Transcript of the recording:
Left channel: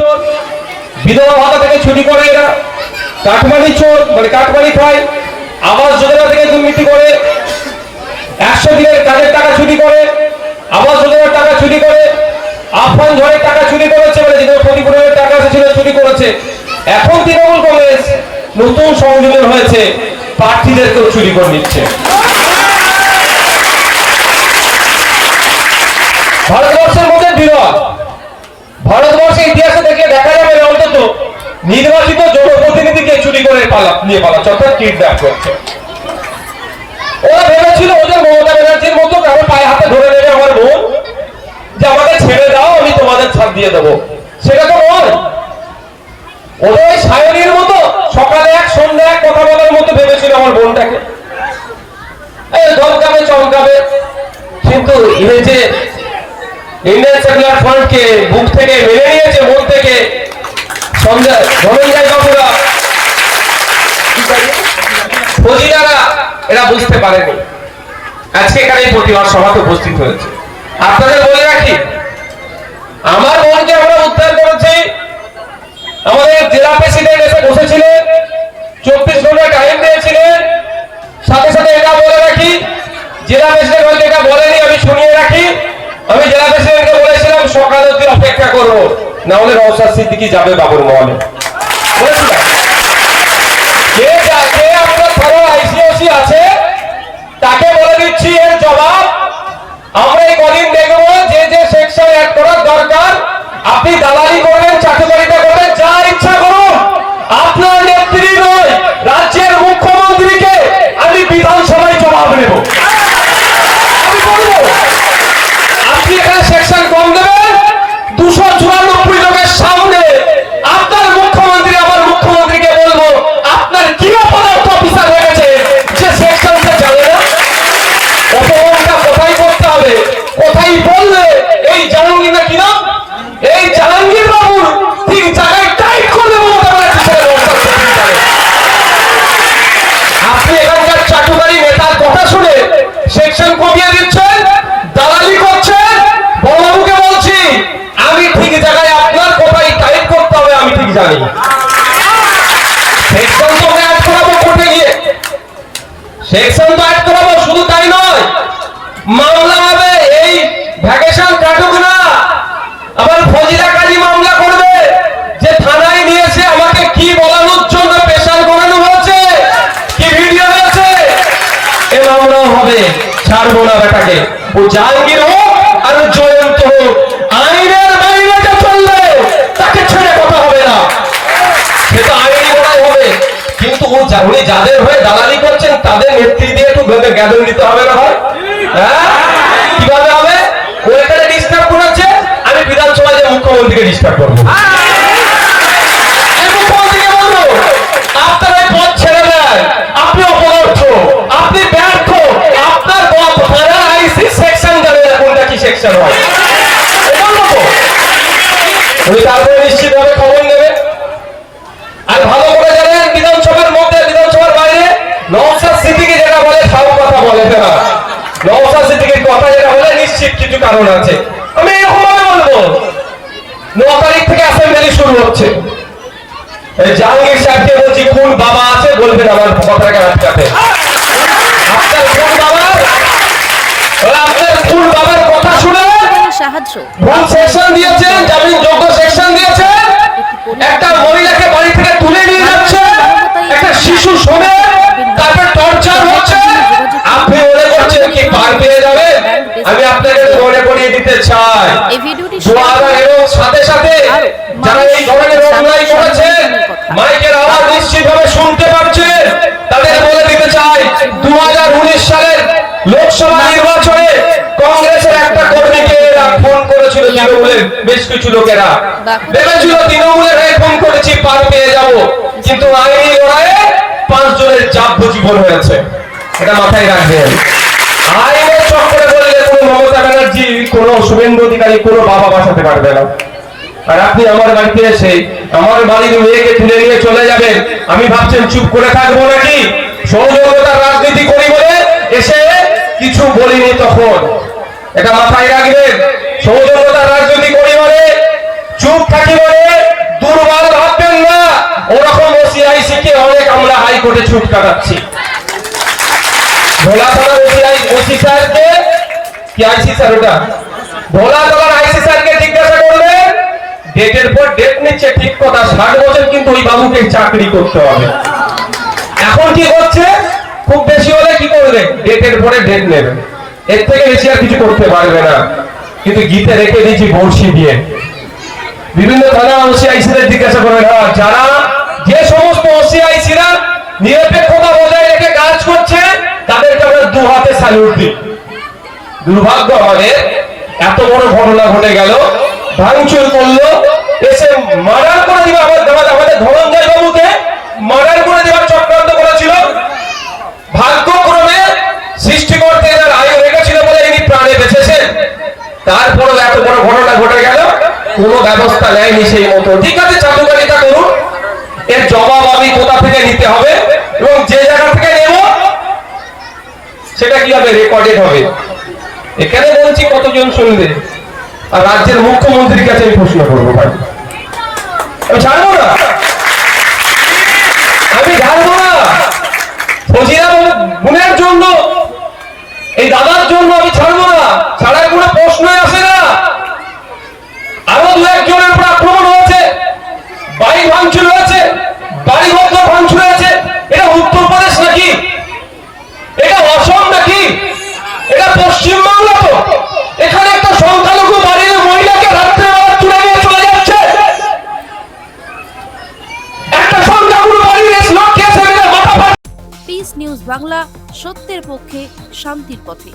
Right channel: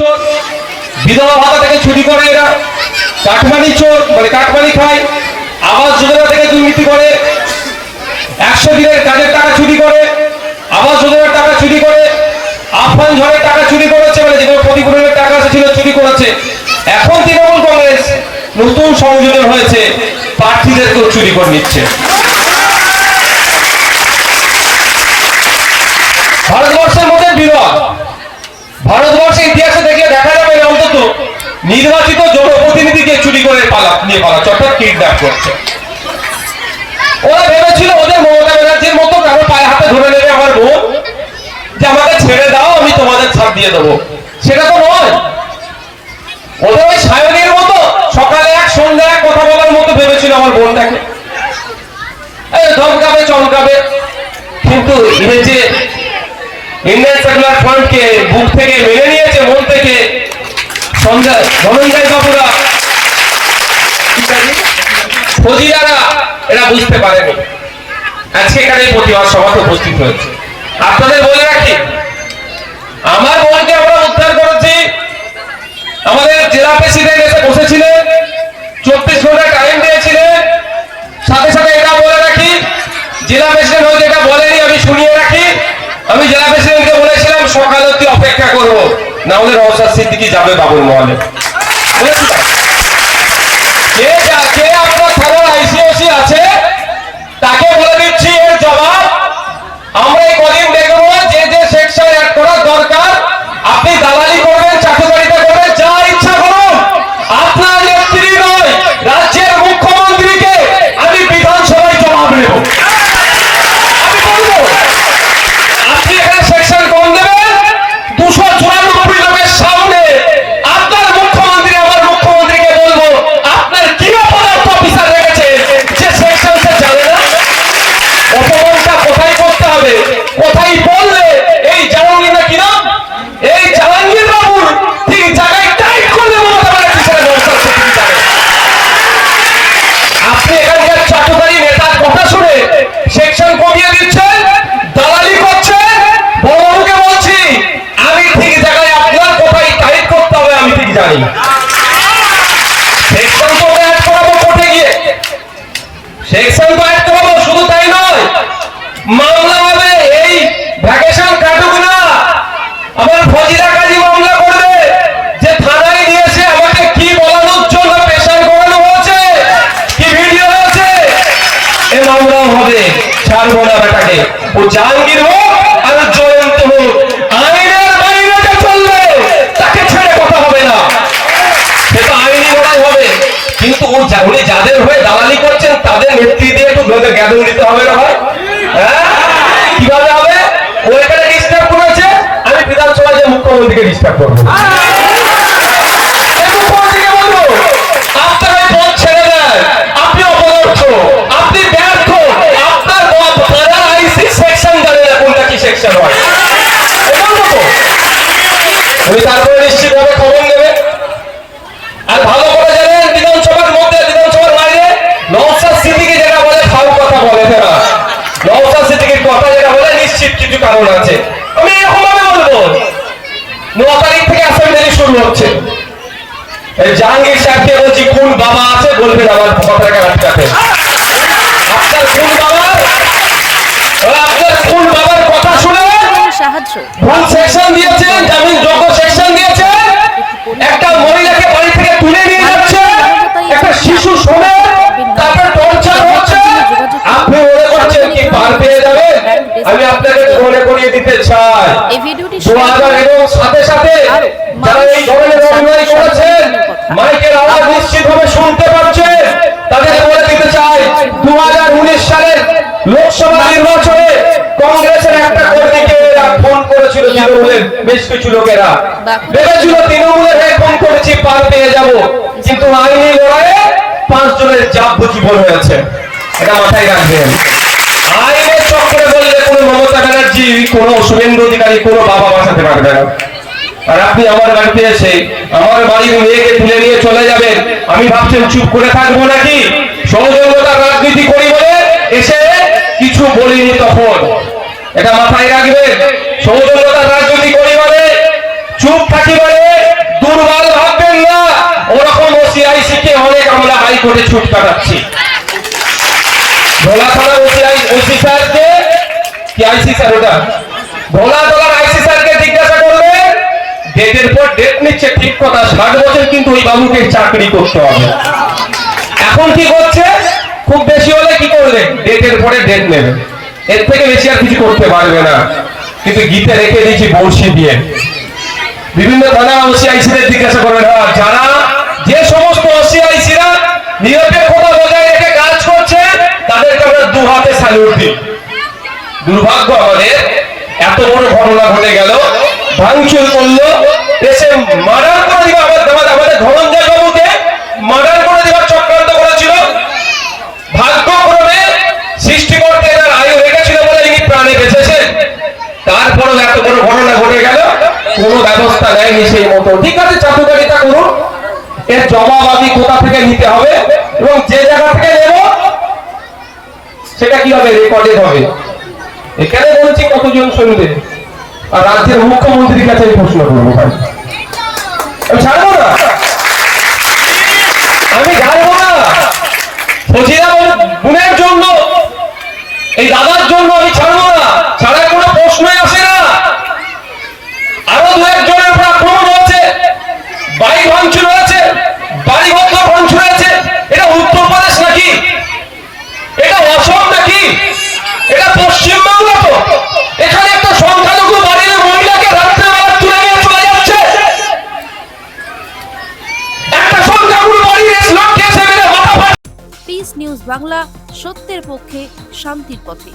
চোর, বিধবা ভাতা থেকে চুরি করে এরা, কাটমানি চোর মানে কাটমানি খায়, আবাস যোজনা থেকে দুর্নীতি করে, 100 দিনের কাজের টাকা চুরি করে, আবাস যোজনার টাকা চুরি করে, আফান ঝড়ের টাকা চুরি করেছে, মানে যেগুলো ক্ষতিপূরণের টাকা ছিল চুরি করেছে। এখন তৃণমূল কংগ্রেস নতুন সংযোজন হয়েছে, প্রার্থীদেরকেও চুরি করে নিচ্ছে। ভারতবর্ষের মধ্যে বিরল, ভারতবর্ষের ইতিহাসে দেখলে দেখা যাবে অন্তত নির্বাচিত জনপ্রতিনিধিকে চুরি করে নিয়ে পালাচ্ছে, অর্থাৎ কিডন্যাপ করছে। ওরা ভেবেছিল ওদের মমতা ব্যানার্জির মতো কারো পায়ে হাতে ধরে নেবে আমার বোন, যে আমাকে ছেড়ে দাও আমি তোমাদের ছাড় দিয়ে দেবো, সেটা তো নয়। ওদের ওই সায়নীর মতো সকালে এক সন্ধ্যা এক কথা বলার মতো ভেবেছিল আমার বোনটাকে, ধমকাবে চমকাবে। কিন্তু এই যে ইন্ডিয়ান সেকুলার ফ্রন্টকে বুক থেকে মেনে নিয়েছে, মন থেকে ধনঞ্জয় বাবুরা, ফজিরারা, এরা বুঝতে পারেনি। আজকে এখানে প্রতিবাদ সভাতে উপস্থিত হয়েছে। আপনাদের বলে রাখি, আমার বোনকে আমরা উদ্ধার করেছি। আমাদের জেলা প্রেসিডেন্ট এসে বসেছিলেন, 24 ঘন্টা টাইম দিয়েছিলেন। সাথে সাথে এটা বলে রাখি, জেলা প্রেসিডেন্ট হয়তো এটা বলেনি, আমি শুনিয়ে রাখি। আমি জেলা প্রেসিডেন্টকে বলেছিলাম সকাল অবধি অপেক্ষা করবো, না হলে নওশাদ সিদ্দিকী যাবে বাবুর মহলে। বলেছিলাম কে আপনার থানার আইসিওসি আছে তাকে বলে দিচ্ছি, এর জবাব আমরা এই কদিন দেখবো। যে যে সেকশন অ্যাড করা দরকার, আপনি দালালি করবেন, চাকরিদারিতা করবেন, যা ইচ্ছা করুন। আপনার নেত্রী নয়, রাজ্যের মুখ্যমন্ত্রীকে আমি বিধানসভায় জবাব নেব। আমি বলবো আপনি এখানে সেকশন কম দেবেন, 294 লোকের সামনে আপনার মুখ্যমন্ত্রী আমার মুখ্যমন্ত্রীকে বলবো আপনার কি অপদার্থ অফিসার রেখেছে যে সেকশন সে জানে না। অপমানটা কোথায় করতে হবে, কোথায় বললে এই জাহাঙ্গীর না কিনা, এই জাহাঙ্গীর বাবুর ঠিক জায়গায় টাইট করলে আপনি এখানকার চাটুকারী নেতার কথা শুনে সেকশন কমিয়ে দিচ্ছেন, দালালি করছেন। বড়বাবুকে বলছি আমি ঠিক জায়গায় আপনার কোথায় টাইট করতে হবে আমি ঠিক জানি। সেকশন তো অ্যাড করাবো কোর্টে গিয়ে, সেকশন তো অ্যাড করাবো, শুধু তাই নয় মামলা হবে। এই ভ্যাকেশন কাটুক না, আমার ফজিরা কাজী মামলা করবে যে থানায় নিয়েছে আমাকে কি বলানোর জন্য পেশার করানো হয়েছে, কি ভিডিও হয়েছে, এ মামলাও হবে। ছাড়বো না বেটাকে, ও জাহাঙ্গীর হোক আর জয়ন্ত হোক, আইনের বাইরে চললে তাকে ছেড়ে কথা হবে না, সেটা আইনি লড়াই হবে। কিন্তু উনি যাদের হয়ে দালালি করছেন তাদের নেত্রী দিয়ে একটু ভেবে জ্ঞাপন দিতে হবে না ভাই। কিভাবে হবে? ও এখানে ডিস্টার্ব করেছে, আমি বিধানসভায় যে মুখ্যমন্ত্রীকে ডিস্টার্ব করবো। আপনারা পথ ছেড়ে দেন, আপনি অপদার্থ, আপনি ব্যর্থ, আপনার থানার আইসি সেকশন জানে না কোনটা কি সেকশন হয়। তুমি তারপরে নিশ্চিতভাবে খবর নেবে। আর ভালো করে জানেন বিধানসভার মধ্যে বিধানসভার বাইরে নওশাদ সিদ্দিকী যেটা বলে সব কথা বলে ফেরা, নওশাদ সিদ্দিকীর কথা যেটা বলে নিশ্চিত কিছু কারণ আছে। আমি এরকম ভাবে বলবো 9 তারিখ থেকে অ্যাসেম্বলি শুরু হচ্ছে। জাহাঙ্গীর সাহেবকে বলছি কোন বাবা আছে বলবেন আমার কথাটাকে আটকাতে। আপনার কোন বাবা, আপনার কোন বাবার কথা শুনে সাহায্য ভুল সেকশন দিয়েছেন, জামিন যোগ্য সেকশন দিয়েছেন, একটা মহিলাকে বাড়ি থেকে তুলে নিয়ে যাচ্ছে, একটা শিশু শোনে তাকে টর্চার হচ্ছে, আপনি মনে করছেন কি পার পেয়ে যাবেন? আমি আপনাকে মনে করিয়ে দিতে চাই এই ভিডিওটি এবং সাথে সাথে যারা এই ধরনের অন্যায় করেছেন মাইকের আওয়াজ নিশ্চিতভাবে শুনতে পাচ্ছেন, তাদের বলে দিতে চাই 2019 সালের লোকসভা নির্বাচনে কংগ্রেসের একটা কর্মীকে ফোন করেছিল তৃণমূলের বেশ কিছু লোকেরা, ভেবেছিল তৃণমূলের হয়ে ফোন করেছি পার পেয়ে যাব, কিন্তু আইনি লড়াইয়ে 5 জনের যাবজ্জীবন হয়েছে। এটা মাথায় রাখবেন। আইনের চক্রে বললে কোনো মমতা ব্যানার্জি, কোনো শুভেন্দু অধিকারী, কোনো বাবা বাঁচাতে পারবে না। আর আপনি আমার বাড়িতে এসে আমার বাড়ির মেয়েকে তুলে নিয়ে চলে যাবেন, আমি ভাবছেন চুপ করে থাকবো নাকি? ষড়যন্ত্রতার রাজনীতি করি বলে এসে কিছু বলিনি তখন, এটা মাথায় রাখবেন। ষড়যন্ত্রতার রাজনীতি করি বলে, চুপ থাকি বলে হাইকোর্টে ছুট কাটাচ্ছি। ভোলা থানার ওসি স্যারকে কি আইসি স্যার ওটা ভোলা থানার আইসি স্যারকে জিজ্ঞাসা করবে, ডেটের পর ডেট নিচ্ছে ঠিক কথা, 60 বছর কিন্তু ওই বাবুকে চাকরি করতে হবে। এখন কি করছে, খুব বেশি হলে কি করবে, ডেটের পরে ডেট নেবে, এর থেকে বেশি আর কিছু করতে পারবে না। কিন্তু গীতে রেখে দিয়েছি বড়শি দিয়ে। বিভিন্ন থানা ওসি আইসিদের জিজ্ঞাসা করবেন, যারা যে সমস্ত ওসি আইসিরা নিরপেক্ষতা বজায় রেখে কাজ করছে তাদেরকে আমরা দু হাতে স্যালুট দিই। দুর্ভাগ্য আমাদের, এত বড় ঘটনা ঘটে গেল, ভাঙচুর করলো, এসে মার্ডার করে দিবা, আমাদের ধনঞ্জয় বাবুকে মার্ডার করে দিবার চক্রান্ত করেছিল। ভাগ্যক্রমে সৃষ্টিকর্তা এর আয়ু রেখেছিল বলে ইনি প্রাণে বেঁচেছেন। তারপরেও এত বড় ঘটনা ঘটে গেল, কোনো ব্যবস্থা নেয়নি সেই মতো। ঠিক আছে, চাটুকারিতা করুন, এর জবাব আমি কোথা থেকে নিতে হবে এবং যে জায়গা থেকে নেব সেটা কি হবে, রেকর্ডেড হবে। এখানে বলছি কতজন শুনবে, আর রাজ্যের মুখ্যমন্ত্রীর কাছে আমি প্রশ্ন করবো, ভাই আমি ছাড়বো না, আমি ছাড়বো না। ফজিলা বোনের জন্য, এই দাদার জন্য আমি ছাড়বো না, ছাড়ার কোনো প্রশ্নই আসে না। আরো দু একজনের উপর আক্রমণ হয়েছে, বাড়ি ভাঙচুর হয়েছে, বাড়ি বন্ধ ভাঙচুর হয়েছে। এটা উত্তরপ্রদেশ নাকি, এটা অসম নাকি, এটা পশ্চিমবাংলা তো? এখানে একটা সংখ্যালঘু বাড়ির মহিলাকে রাত্রেবেলা তুলে নিয়ে চলে যাচ্ছে, একটা সংখ্যালঘু বাড়ির লোককে এসে মাথা। পিস নিউজ বাংলা, সত্যের পক্ষে, শান্তির পথে।